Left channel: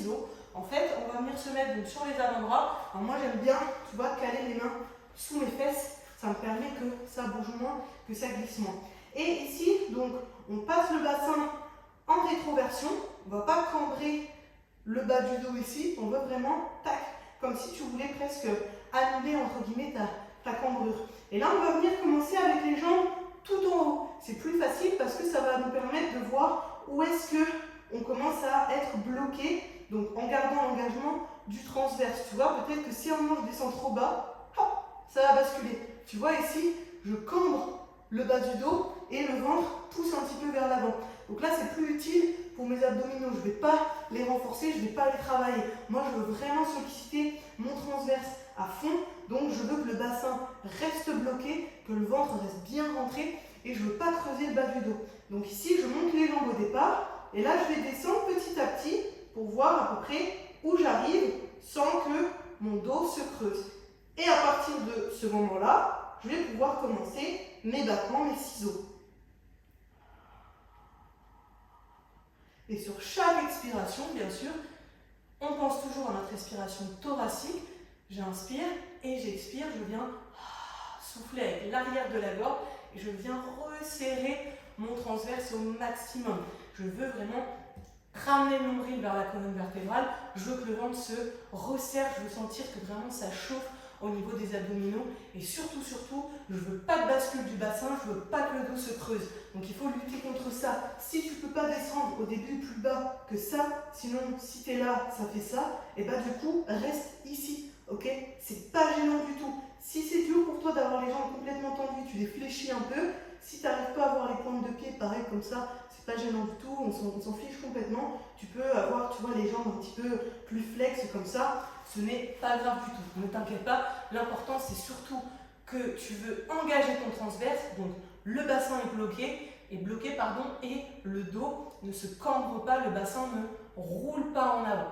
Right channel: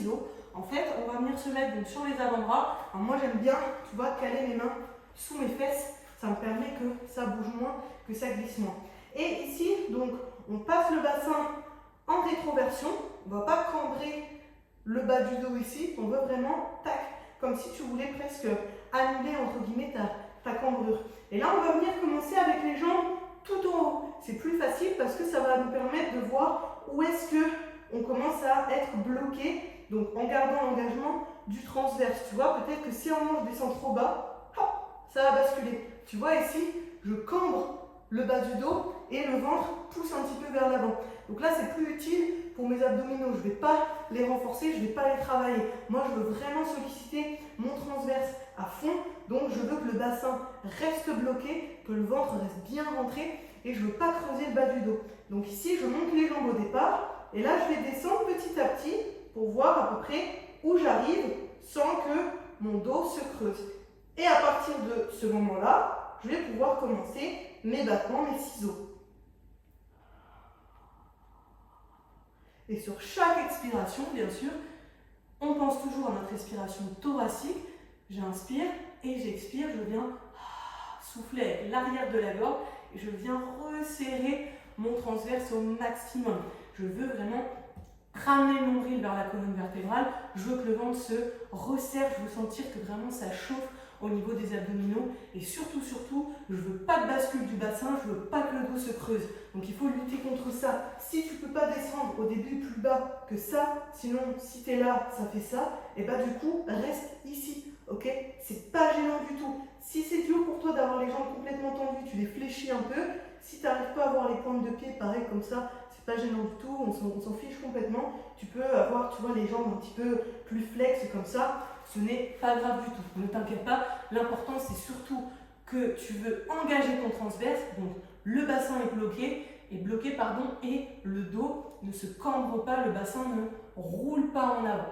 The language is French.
ciseaux. En fait, on va venir se mettre donc, sur les avant-bras. Alors moi, j'aime bien, tu vois, caler les mains sous mes fesses. Ça me permet que ça bouge moins, que ça glisse moins. Et ici, donc, on passe le bassin en rétroversion. On ne va pas cambrer le bas du dos ici. On veut vraiment, tac, comme si tu voulais presque annuler, entre guillemets, ta cambrure. Et là, on va venir commencer avec les jambes tout en haut. C'est plus facile parce que ça va nous permettre de voir où est-ce qu'on commence à être bloqué. Donc, en gardant l'engagement du transverse. Tu vois, peut-être que si on descend trop bas, hop, ça va basculer. Tu vois ici, je cambre le bas du dos et le ventre pousse un petit peu vers l'avant. Donc là, c'est plus utile pour mes abdominaux. Je ne vais pas les renforcer, je ne vais pas les travailler. Moi, je veux vraiment solliciter mon transverse à fond. Donc, je veux que le bassin reste bloqué, que le ventre reste bien rentré et je ne veux pas creuser le bas du dos. Donc ici, je monte les jambes au départ et là, je vais descendre petit à petit pour voir à peu près où j'arrive sans que mon dos se creuse. Et à partir de ce moment-là, je vais pouvoir commencer mes battements, mes ciseaux. Et sur chaque expiration, bien sûr, on pense toujours à notre respiration thoracique. J'inspire et j'expire, je viens souffler avec l'arrière de la gorge et je viens resserrer mon transverse au maximum. Je veux vraiment ramener le nombril vers la colonne vertébrale. Je veux que le ventre se resserre, je veux sentir que vraiment ça chauffe au niveau des abdominaux et surtout, je ne veux pas de bascule du bassin, je ne veux pas que le dos se creuse. Donc il faut lutter contre ça. Si tu ne peux pas descendre au début plus bas que ça, sinon si tu es là, ça fait ça, et bah du coup, reste ici, ok? C'est pas gênant du tout. Si c'est dur pour toi d'avoir les jambes complètement tendues, tu les fléchis un peu. Si tu n'arrives pas à avoir les pointes de pied, pareil comme ça, c'est pas gênant du tout, on s'en fiche complètement. Tu peux avoir, tu vois, les jambes un petit peu plus flex comme ça. Ce n'est pas grave du tout, ne t'inquiète pas. L'important, c'est surtout que tu veux engager ton transverse, donc le bassin est bloqué, et le dos ne se cambre pas, le bassin ne roule pas en avant.